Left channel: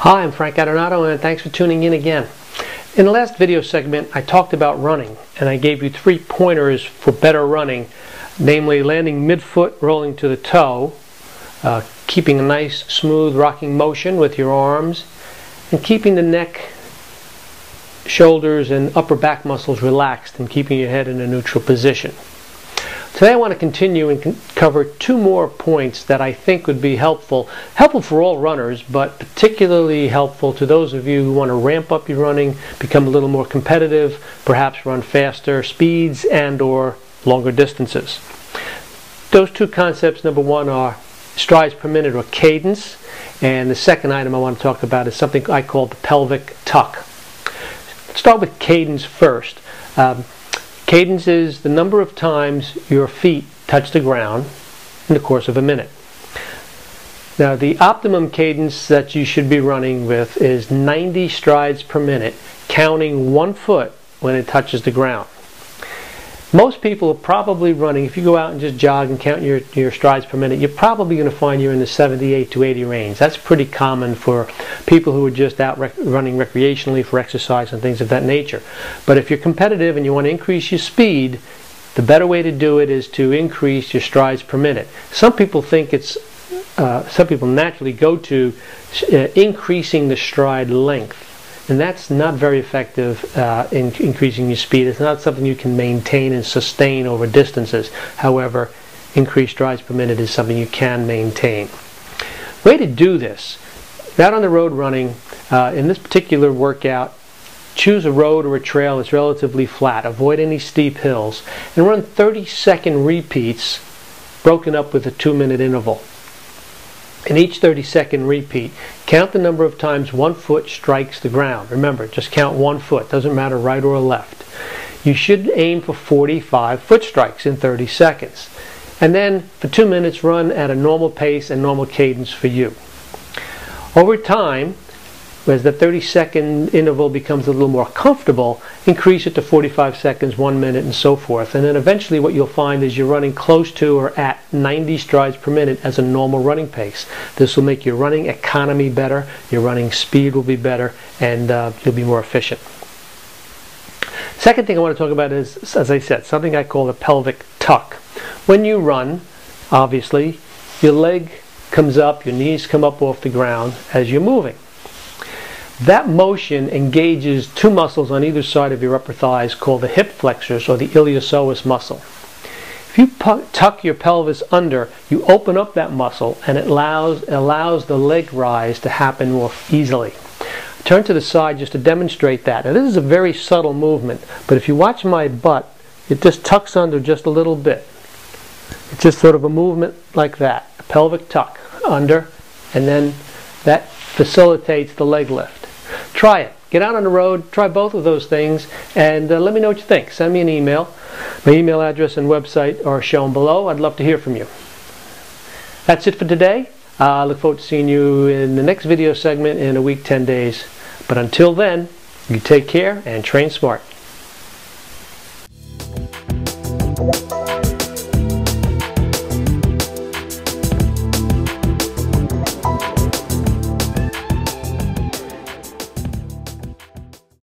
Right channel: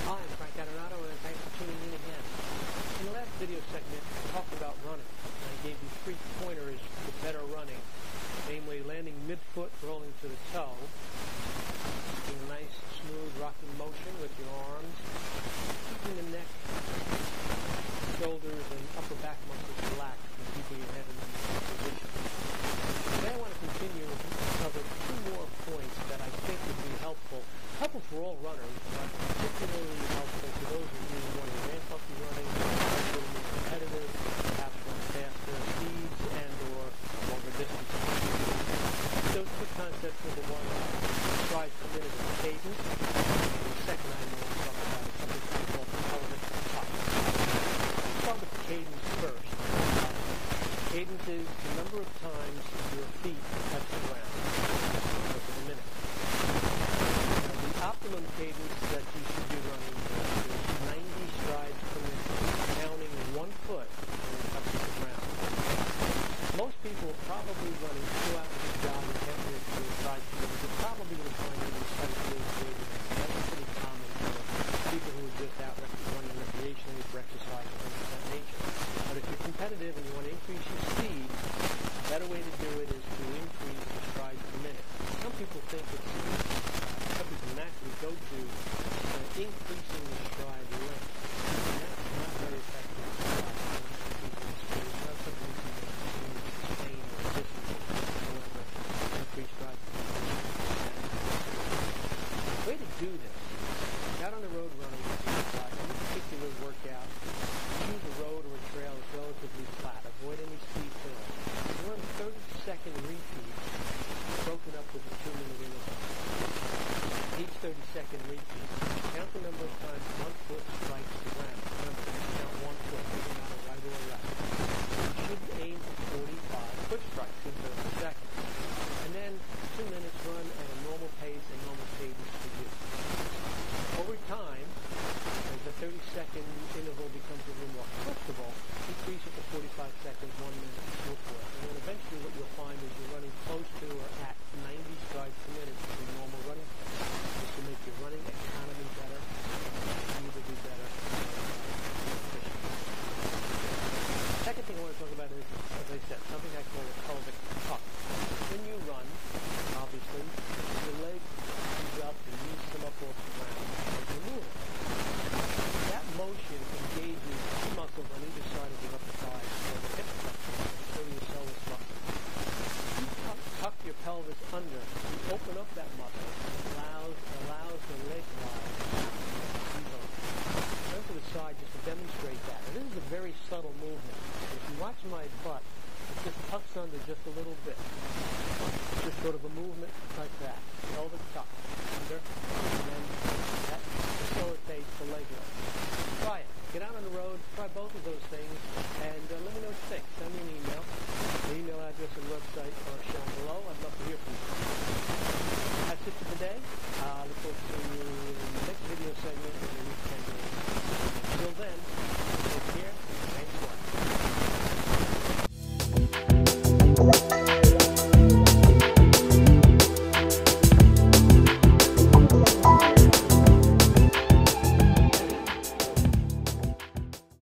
Hi, I'm Frank Adornato, and thanks for tuning in again. In the last video segment, I talked about running, and I gave you 3 pointers for better running, namely landing midfoot, rolling to the toe, keeping a nice, smooth, rocking motion with your arms, and keeping the neck, shoulders, and upper back muscles relaxed and keeping your head in a neutral position. Today I want to continue and cover 2 more points that I think would be helpful for all runners, but particularly helpful to those of you who want to ramp up your running, become a little more competitive, perhaps run faster speeds and or longer distances. Those 2 concepts, number 1, are strides per minute or cadence, and the second item I want to talk about is something I call the pelvic tuck. Start with cadence first. Cadence is the number of times your feet touch the ground in the course of a minute. Now, the optimum cadence that you should be running with is 90 strides per minute, counting 1 foot when it touches the ground. Most people are probably running, if you go out and just jog and count your strides per minute, you're probably going to find you're in the 78 to 80 range. That's pretty common for people who are just out running recreationally for exercise and things of that nature. But if you're competitive and you want to increase your speed, the better way to do it is to increase your strides per minute. Some people naturally go to increasing the stride length. And that's not very effective in increasing your speed. It's not something you can maintain and sustain over distances. However, increased strides per minute is something you can maintain. Way to do this, out on the road running, in this particular workout, choose a road or a trail that's relatively flat. Avoid any steep hills. And run 30-second repeats broken up with a 2-minute interval. In each 30-second repeat, count the number of times 1 foot strikes the ground. Remember, just count 1 foot. Doesn't matter right or left. You should aim for 45 foot strikes in 30 seconds. And then, for 2 minutes, run at a normal pace and normal cadence for you. Over time, as the 30-second interval becomes a little more comfortable, increase it to 45 seconds, 1 minute, and so forth. And then eventually what you'll find is you're running close to or at 90 strides per minute as a normal running pace. This will make your running economy better, your running speed will be better, and you'll be more efficient. Second thing I want to talk about is, as I said, something I call the pelvic tuck. When you run, obviously, your leg comes up, your knees come up off the ground as you're moving. That motion engages 2 muscles on either side of your upper thighs called the hip flexors or the iliopsoas muscle. If you tuck your pelvis under, you open up that muscle and it allows the leg rise to happen more easily. Turn to the side just to demonstrate that. Now, this is a very subtle movement, but if you watch my butt, it just tucks under just a little bit. It's just sort of a movement like that, a pelvic tuck, under, and then that facilitates the leg lift. Try it. Get out on the road, try both of those things, and let me know what you think. Send me an email. My email address and website are shown below. I'd love to hear from you. That's it for today. I look forward to seeing you in the next video segment in a week, 10 days. But until then, you take care and train smart.